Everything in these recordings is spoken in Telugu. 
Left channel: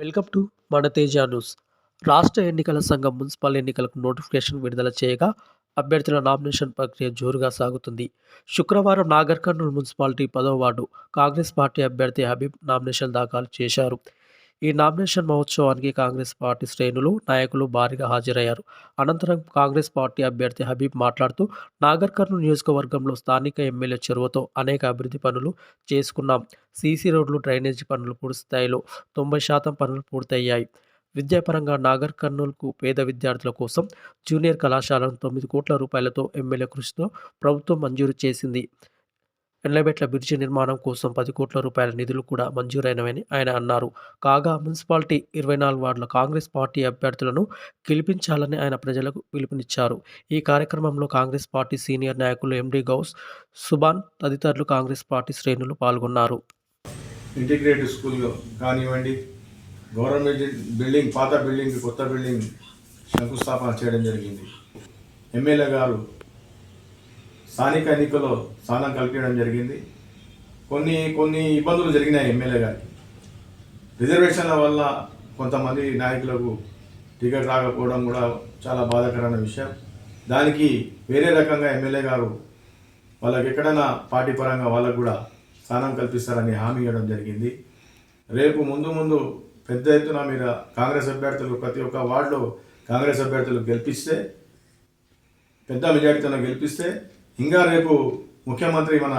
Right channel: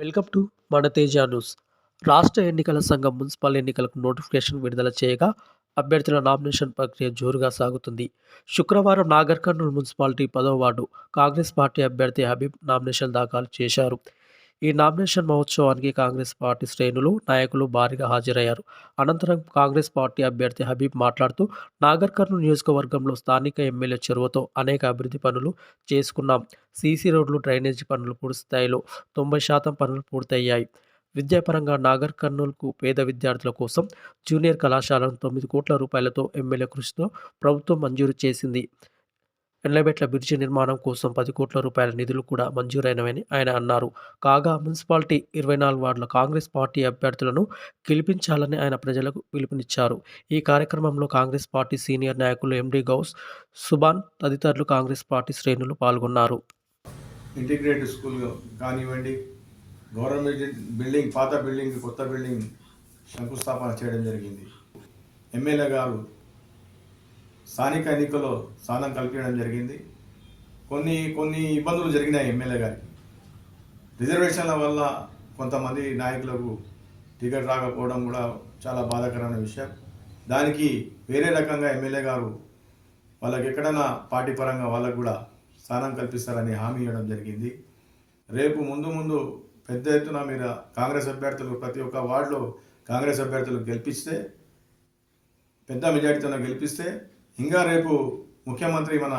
వెల్కమ్ టు మన తేజ న్యూస్. రాష్ట్ర ఎన్నికల సంఘం మున్సిపల్ ఎన్నికలకు నోటిఫికేషన్ విడుదల చేయగా అభ్యర్థుల నామినేషన్ ప్రక్రియ జోరుగా సాగుతుంది. శుక్రవారం నాగర్ కర్నూల్ మున్సిపాలిటీ 10వ వార్డు కాంగ్రెస్ పార్టీ అభ్యర్థి హబీబ్ నామినేషన్ దాఖలు చేశారు. ఈ నామినేషన్ మహోత్సవానికి కాంగ్రెస్ పార్టీ శ్రేణులు, నాయకులు భారీగా హాజరయ్యారు. అనంతరం కాంగ్రెస్ పార్టీ అభ్యర్థి హబీబ్ మాట్లాడుతూ, నాగర్ కర్నూల్ నియోజకవర్గంలో స్థానిక ఎమ్మెల్యే చొరవతో అనేక అభివృద్ధి పనులు చేసుకున్నాం. సీసీ రోడ్లు, డ్రైనేజీ పనులు పూర్తి స్థాయిలో 90% పనులు పూర్తయ్యాయి. విద్యాపరంగా నాగర్ కర్నూల్కు పేద విద్యార్థుల కోసం జూనియర్ కళాశాలను 9 కోట్ల రూపాయలతో ఎమ్మెల్యే కృషితో ప్రభుత్వం మంజూరు చేసింది. ఎల్లబెట్ల బ్రిడ్జి నిర్మాణం కోసం 10 కోట్ల రూపాయల నిధులు కూడా మంజూరైనవని ఆయన అన్నారు. కాగా మున్సిపాలిటీ 24 వార్డుల కాంగ్రెస్ పార్టీ అభ్యర్థులను గెలిపించాలని ఆయన ప్రజలకు పిలుపునిచ్చారు. ఈ కార్యక్రమంలో కాంగ్రెస్ పార్టీ సీనియర్ నాయకులు ఎండి గౌస్, సుభాన్ తదితరులు కాంగ్రెస్ పార్టీ శ్రేణులు పాల్గొన్నారు. ఇంటిగ్రేటెడ్ స్కూల్ కానివ్వండి, గవర్నమెంట్ బిల్డింగ్, పాత బిల్డింగ్, కొత్త బిల్డింగ్ శంకుస్థాపన చేయడం జరిగింది. ఎమ్మెల్యే గారు స్థానిక ఎన్నికల్లో స్థానం కల్పించడం జరిగింది. కొన్ని ఇబ్బందులు జరిగినాయి ఎమ్మెల్యే గారికి. రిజర్వేషన్ల వల్ల కొంతమంది నాయకులకు టికెట్ రాకపోవడం కూడా చాలా బాధాకరమైన విషయం. దానికి వేరే రకంగా ఎమ్మెల్యే గారు వాళ్ళకి ఎక్కడైనా పార్టీ పరంగా వాళ్ళకు కూడా స్థానం కల్పిస్తారని హామీ ఇవ్వడం జరిగింది. రేపు ముందు పెద్ద ఎత్తున మీరు కాంగ్రెస్ అభ్యర్థులు ప్రతి ఒక్క వార్డులో కాంగ్రెస్ అభ్యర్థులు గెలిపిస్తే, పెద్ద మెజార్టీతో గెలిపిస్తే ఇంకా రేపు ముఖ్యమంత్రి మన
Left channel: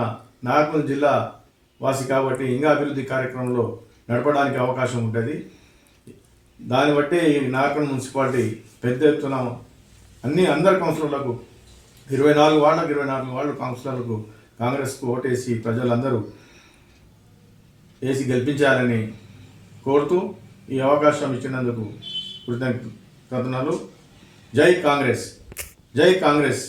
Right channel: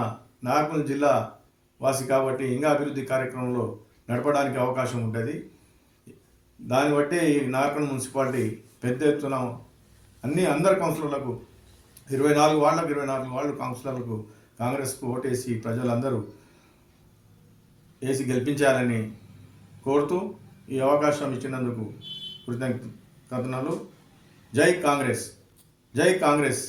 నాగర్కర్నూల్ జిల్లా వాసి కాబట్టి ఇంకా అభివృద్ధి కార్యక్రమంలో నడపడానికి అవకాశం ఉంటుంది. దాన్ని బట్టి నాగర్కర్నూల్ మున్సిపాలిటీ పెద్ద ఎత్తున అందరు కౌన్సిలర్లకు 24 వార్డు కౌన్సిలర్లకు కాంగ్రెస్కు ఓటేసి ప్రజలందరూ వేసి గెలిపించాలని కోరుతూ ఈ అవకాశం ఇచ్చినందుకు కృతజ్ఞతలు. జై కాంగ్రెస్, జై కాంగ్రెస్.